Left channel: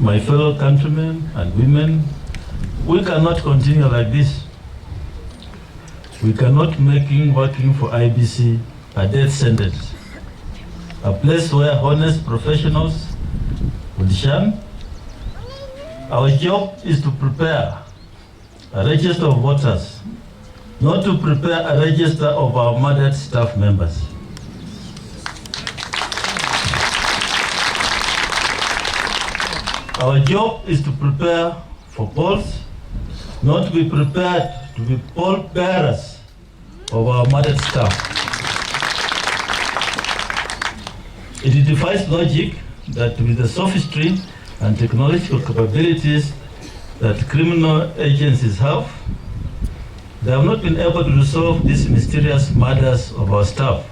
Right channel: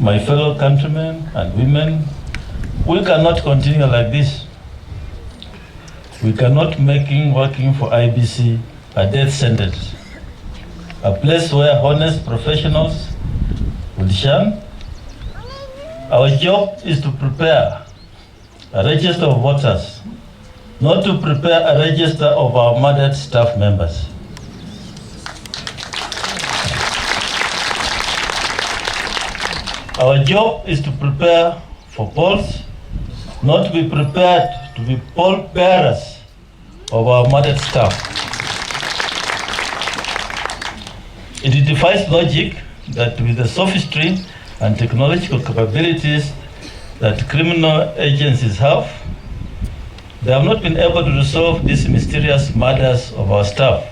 My fellow countrymen and women, we cannot continue like this. We cannot make working for IEBC a death sentence, a place where honest professionals will shun. Our job is to prepare a register of voters, not to prepare a register of our murdered staff members. Our job is to prepare for polls, not to be prepared to be poll bearers of our murdered staff. It defies logic that with the sophistry and technological capabilities that criminal agencies have, they have not been able to resolve these mysterious murders of our staff.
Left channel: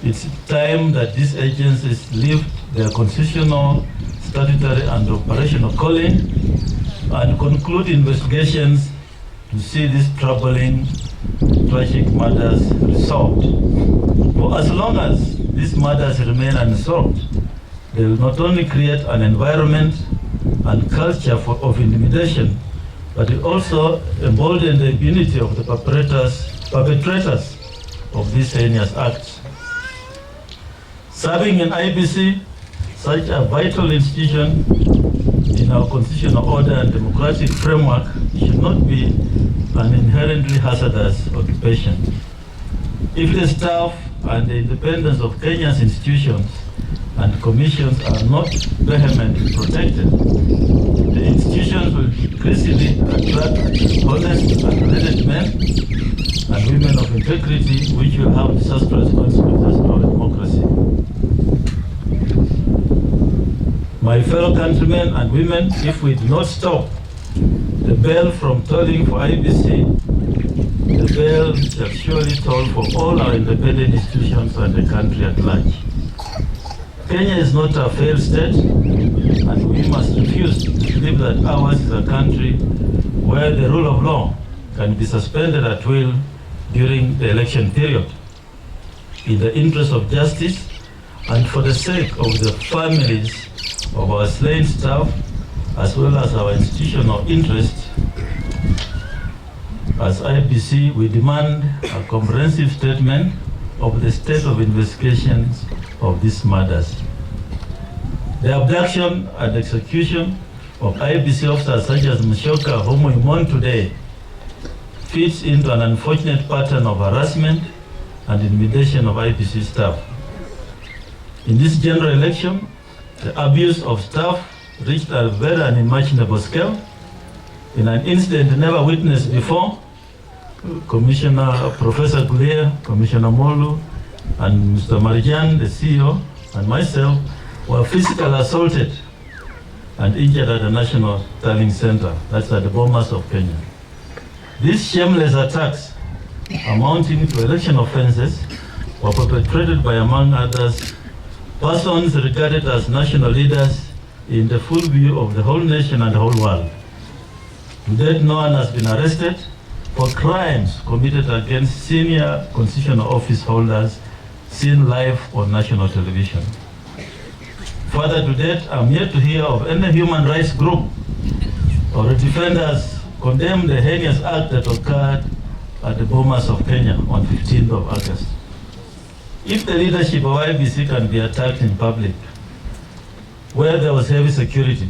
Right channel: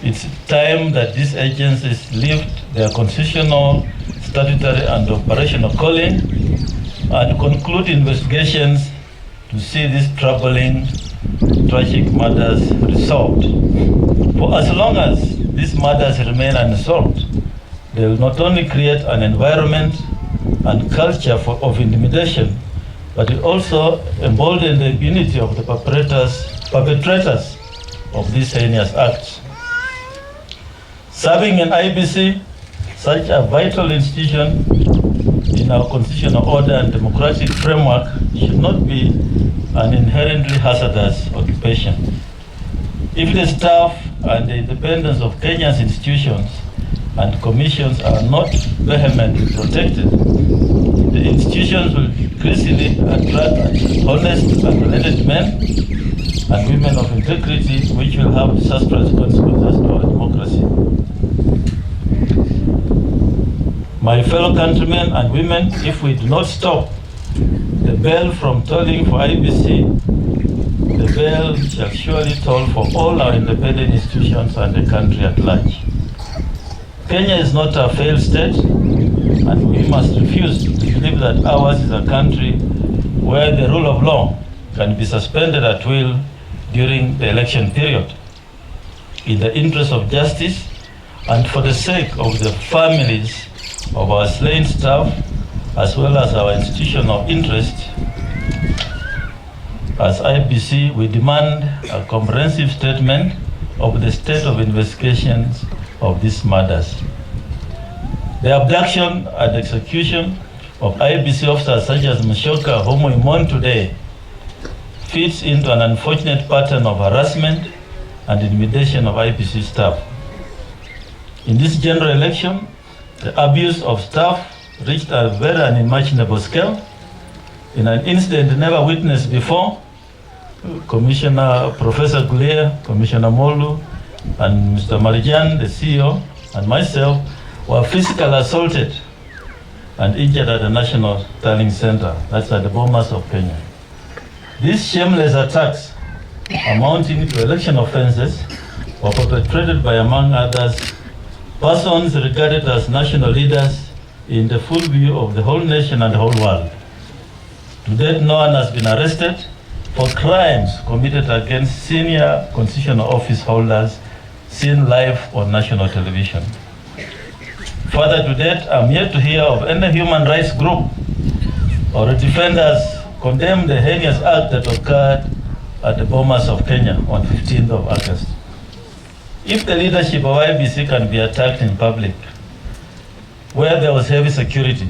It's time that these agencies lift their constitutional, statutory, and operational calling and conclude investigations to see these troubling, tragic murders resolved. For as long as these murders remain unsolved, they will not only create an environment and culture of intimidation, but it also embolden the impunity of the perpetrators of these heinous acts. Serving in IEBC, such a vital institution in our constitutional order and democratic framework, should not be an inherently hazardous occupation. If the staff and the independence of Kenya's institutions and commissions are not vehemently protected, the institutions will increasingly attract honest and talented men and women of integrity, which will have disastrous consequences to our democracy. My fellow countrymen and women, if we do not stop the bell from tolling for IEBC, the bell shall surely toll for all our independent institutions and the country at large. Kenya is not a failed state, and we must refuse to believe that ours is a country where the rule of law can be suspended at will during the election period. In the interest of justice and for the sake of the families of our slain staff, as well as our institutional interest, as IEBC, we demand a comprehensive statement of the state of investigations of these murders. The abduction and execution of IEBC officers such as Mushoka, whom we mourn today, fits into an unfortunate pattern of harassment and intimidation of IEBC staff. In this general election, the abuse of staff reached a very unimaginable scale. In an incident never witnessed before, Commissioner Professor Gulia, Commissioner Molu, and Mr. Marijan, the CEO, and myself were physically assaulted and injured at the National Tallying Center, that's at the Bomas of Kenya. These shameless attacks, amounting to election offenses, were perpetrated by, among others, persons regarded as national leaders in the full view of the whole nation and the whole world. To date, no one has been arrested for crimes committed against senior constitutional office holders seen live on national television. Further to date, I'm yet to hear of any human rights group or defenders condemn the heinous act that occurred at the Bomas of Kenya on 15th of August. If the leadership of IEBC can be attacked in public, where there was heavy security,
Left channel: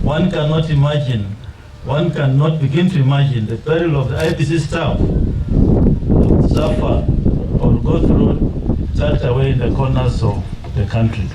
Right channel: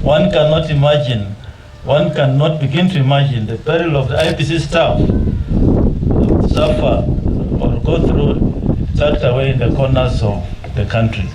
one cannot begin to imagine the peril of the IEBC staff to suffer or go through tucked away in the corners of the country.